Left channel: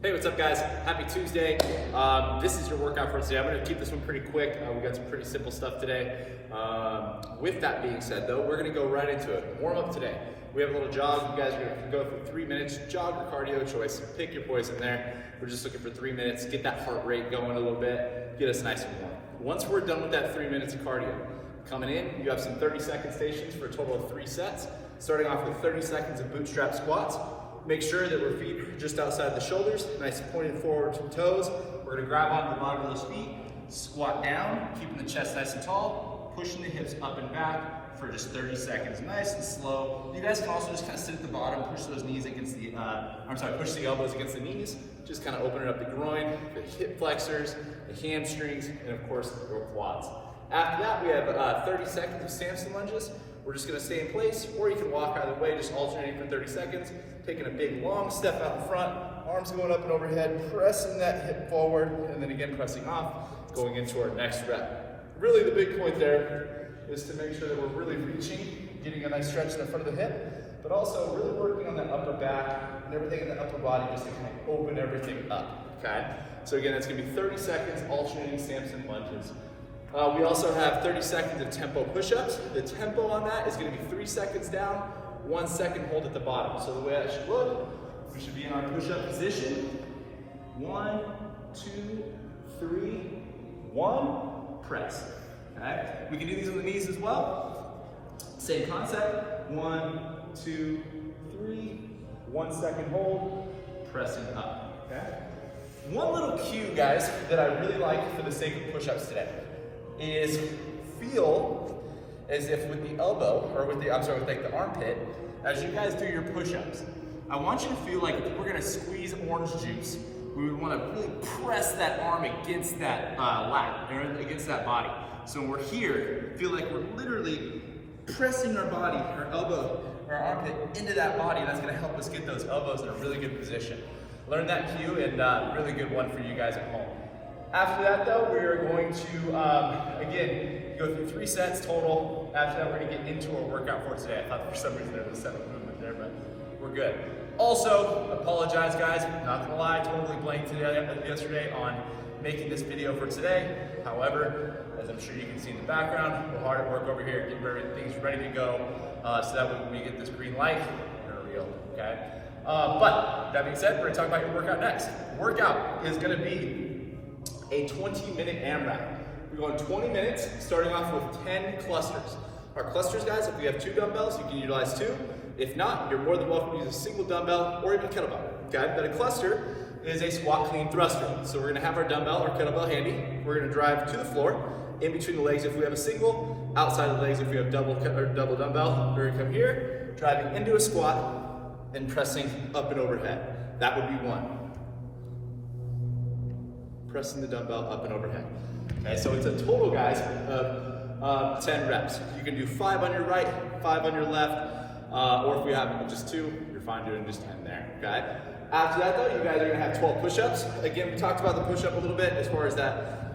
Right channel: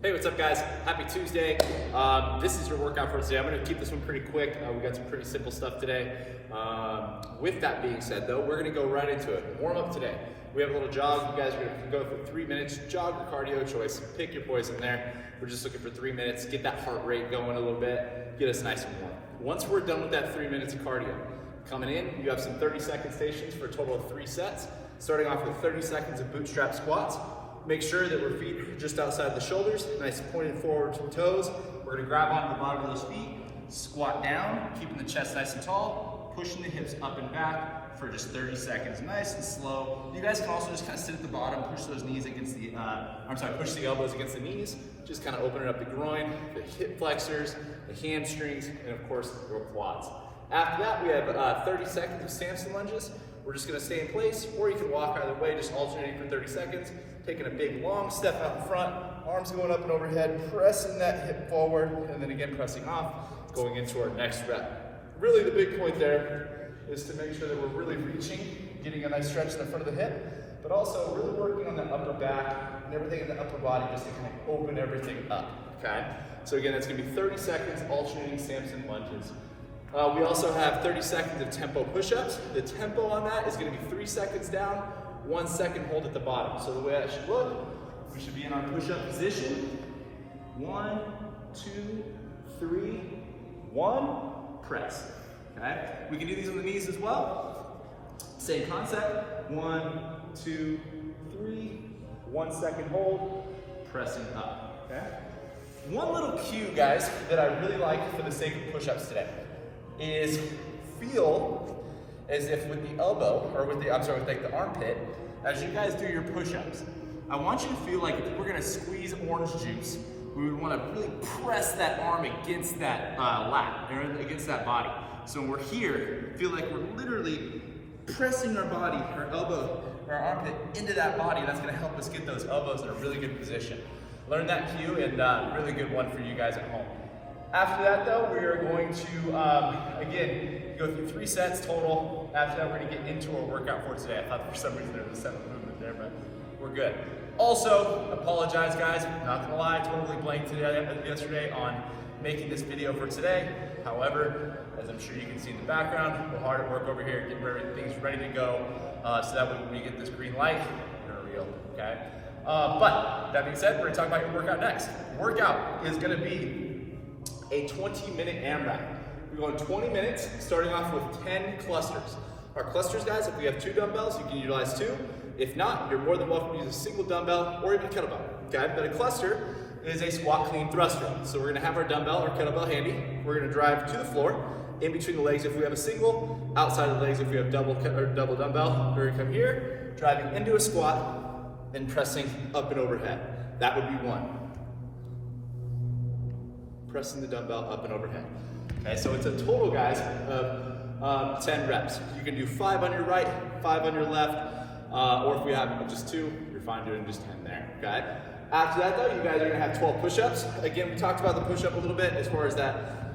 Hey, what's up guys? Happy Tuesday. This is your workout for today. I'm gonna keep this one pretty quick. We got some pretty simple stuff today. With that being said though, we're gonna go right into it. Warm up today. We have a little jog. You guys are gonna go for 3 minutes. Jog or cardio choice. Pick your poison there. We're just looking for 3 minutes. Get that heart rate going a little bit. Get us nice and warm. Once we're done with that 3 minutes of cardio, coming in, you have some 30-second stations for a total of 3 sets. Starting off with 30 seconds of bootstrap squats. Make sure that our feet are just outside the shoulders, nice pointed forward to the toes. We're gonna grab onto the bottom of those feet, squat down, keeping the chest nice and tall, pushing the hips up and back for just 30 seconds, nice and slow. You guys can also just kind of sit at the bottom, push those knees against the, push the elbows against the knees, just kind of opening up the groin, the hip flexors, the hamstrings, and of course the quads. After that, we have 30 seconds of Samson lunges. We're just gonna stay in place, or you can walk either way, just alternating for 30 seconds, taking a big long step out in front, arms going up and overhead, pressing that hip forward, and then again pressing off, going into our next rep. Really the big point there is to make sure that we're really reaching, getting a nice stretch in the front of the hip, but also really working on the upper back and everything in the upper body just to kind of open everything up, okay? So again, that's gonna be 30 seconds alternating Samson lunges. We also have 30 seconds of tempo push-ups. The tempo on that is going to be 3 seconds down, 1 second hold at the bottom. So the way that should look, we should be in our push-up position. 1, 2, 3, 1, press. Okay? We can do these on the knees as well. Same concept. 1, 2, 3, 1 second hold, press it up. Okay? One little cue, guys, that I really like for the sake of push-ups today is feel as if with the elbow, or with the armpit, as you guys do your push-ups, I want you to feel like if we're gonna squeeze orange juice, we would wanna really press that arm against that lat, or against that body. So when we're here, feel like we're literally pressing our body, our elbow, our armpit into that body. That's gonna help us get those elbows in a really good position. Learn that cue, and really good one for you guys at home. After that though, we are going to, again, go through 3 sets total. After that, we're gonna get into our workout for today. I thought for some reason there was 7 movement there, but we're good. Also, apologize guys, not gonna lie, totally blanked yesterday on making this video for today. However, as I'm sure you can see in the background, we're hard at work over here, getting things ready to go, so that when we get this green light, we're real, okay? But that being said, we're gonna talk about your workout next. Workout is gonna be a 20-minute AMRAP. We're going 20 minutes, starting off with 10 clusters. Our clusters, guys, if we have 2 dumbbells, you can utilize 2. If not, you're more than welcome to use a single dumbbell or even kettlebell, okay? But a cluster is a squat clean thruster. So we're gonna have our dumbbell or kettlebell handy. We're gonna drive to the floor, in between the legs if we have a single, outside the legs if we have double dumbbell. We're gonna come here, driving into a squat, and pressing up and overhead. That would be 1. Pressing the dumbbell up and overhead. Okay, so it's a total, guys, of 10 reps. You can do 5 on your right, 5 on your left, or if we have just 2, you're fine doing just 10 there, okay? After that though, you guys are gonna have 12 push-ups. Again, we talked about the push-up a little bit as far as that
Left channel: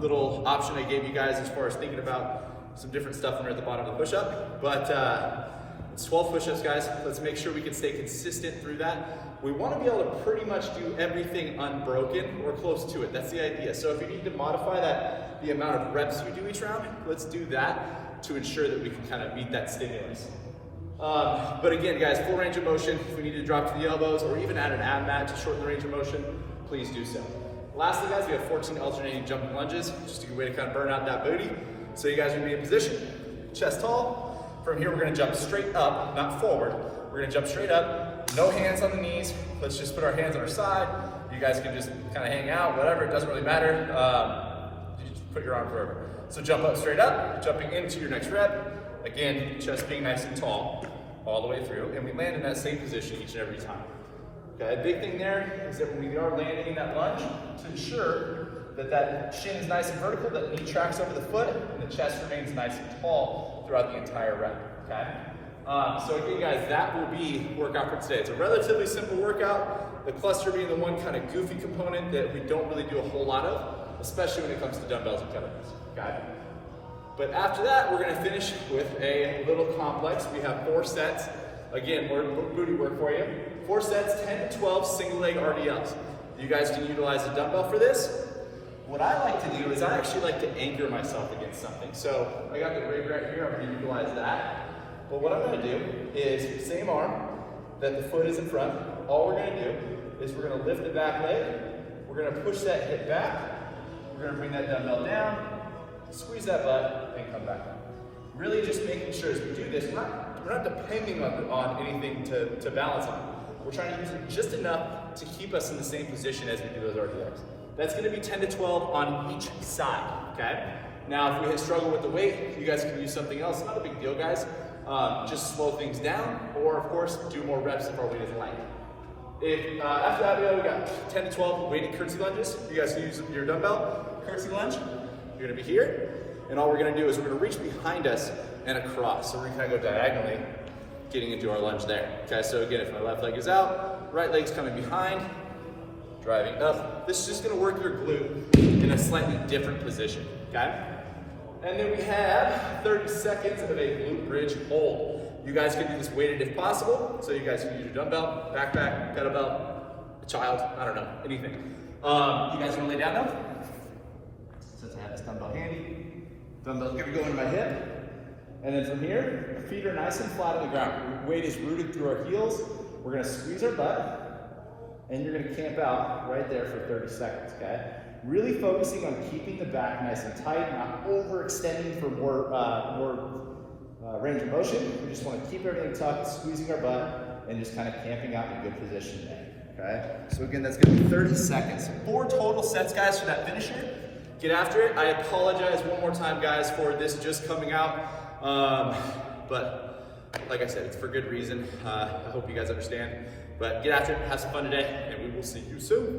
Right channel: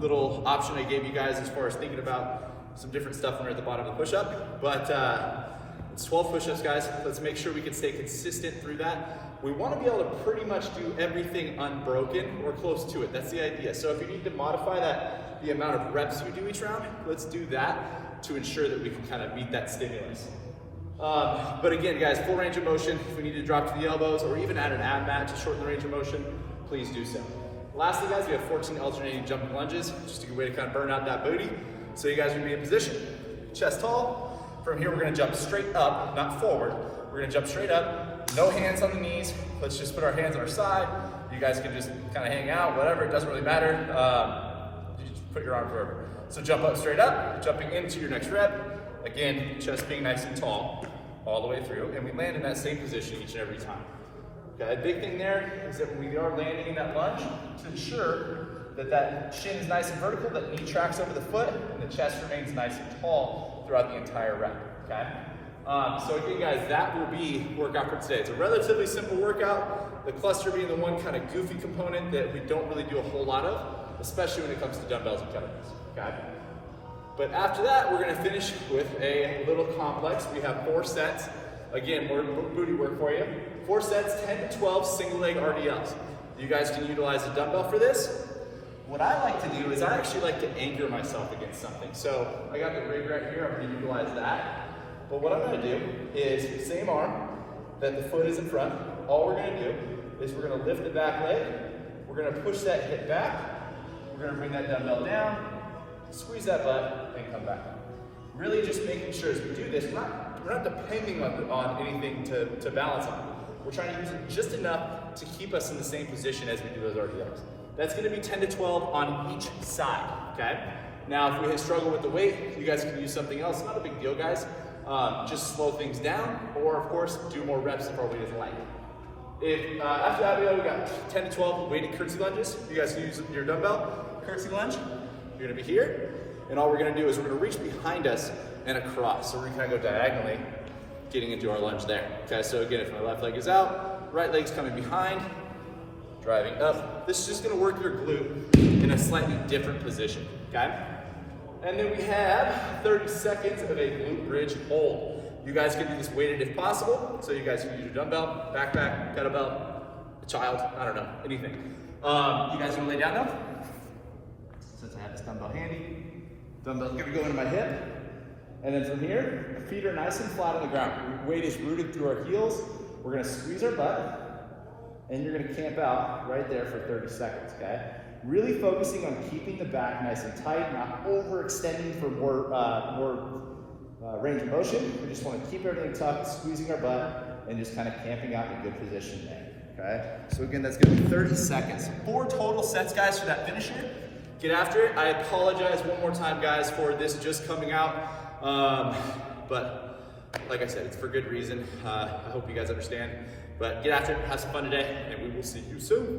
little option I gave you guys as far as thinking about some different stuff near at the bottom of the push-up. But it's 12 push-ups, guys. Let's make sure we can stay consistent through that. We want to be able to pretty much do everything unbroken or close to it. That's the idea. So if you need to modify that, the amount of reps you do each round, let's do that to ensure that we can kind of meet that stimulus. But again, guys, full range of motion. If we need to drop to the elbows or even add an ab mat to shorten the range of motion, please do so. Lastly, guys, we have 14 alternating jumping lunges, just a good way to kind of burn out that booty. So you guys are gonna be in position, chest tall. From here, we're gonna jump straight up, not forward. We're gonna jump straight up, no hands on the knees. Let's just put our hands on our side. You guys can just kind of hang out, whatever, it doesn't really matter. You just put your arms over. So jump up straight up, jumping into your next rep. Again, chest being nice and tall all the way through, and we land in that same position each and every time. Okay, the big thing there is that when we are landing in that lunge, to ensure that that shin is nice and vertical, that knee tracks over the foot, and the chest remains nice and tall throughout the entire rep, okay? So again, guys, that will be workout for today. It's a relatively simple workout, the cluster being the one kind of goofy component that we don't really do a whole lot of, especially when it comes to dumbbells and kettlebells, okay? But after that, we're gonna finish with a little complex. We have 4 sets. Again, more booty work for you. 4 sets, 10 to 12 single leg RDLs. You guys can utilize a dumbbell for this. What I like to do is I actually like to anchor myself against something. So I got the rig right here, I'm gonna utilize that. But what I'm gonna do is same arm that the foot is in front. All we're gonna do is we're gonna lift the back leg. We're gonna push that hip back. We're gonna bring that dumbbell down, squeeze that butt, and come back. Really just making sure as we do this, we're not depending on anything to balance on. We're trying to use it just enough to keep us in the same position as we do those RDLs. That's gonna be 10 to 12 on each side, okay? Now, if we struggle with the weight, you guys can use something else. Not a big deal, guys. Just slow things down, or of course, do more reps if our weight is light. If after that we got 10 to 12 weighted curtsy lunges. You guys can use your dumbbell, curtsy lunge. You're gonna be here, and all we're gonna do is we're gonna reach behind us and across. So we're gonna go diagonally, getting into our lunge there. Okay, so again, if my left leg is out, right leg's coming behind, driving up. This is just gonna work your glute in a slightly different position, okay? And then we have 30 seconds of a glute bridge hold. You guys can do this weighted if possible. So you guys can use your dumbbell, backpack, kettlebell, a child, I don't know, anything. You guys wanna lay down now? Since I have this dumbbell handy. Dumbbell's gonna go into my hip. And then from here, feet are nice and flat on the ground. Weight is rooted through our heels. We're gonna squeeze our butt, and you're gonna camp out right there for 30 seconds, okay? Really focusing on keeping the back nice and tight, not overextending for more range of motion. We just wanna keep everything tucked, squeezing our butt, and just kind of camping out in a good position there, okay? So again, that's gonna be 30 seconds. 4 total sets, guys, for that finisher. Get after it. I apologize one more time, guys, for this just coming out. But like I said, it's for good reason. I hope you guys understand. But get after it, have some fun today, and we will see you soon.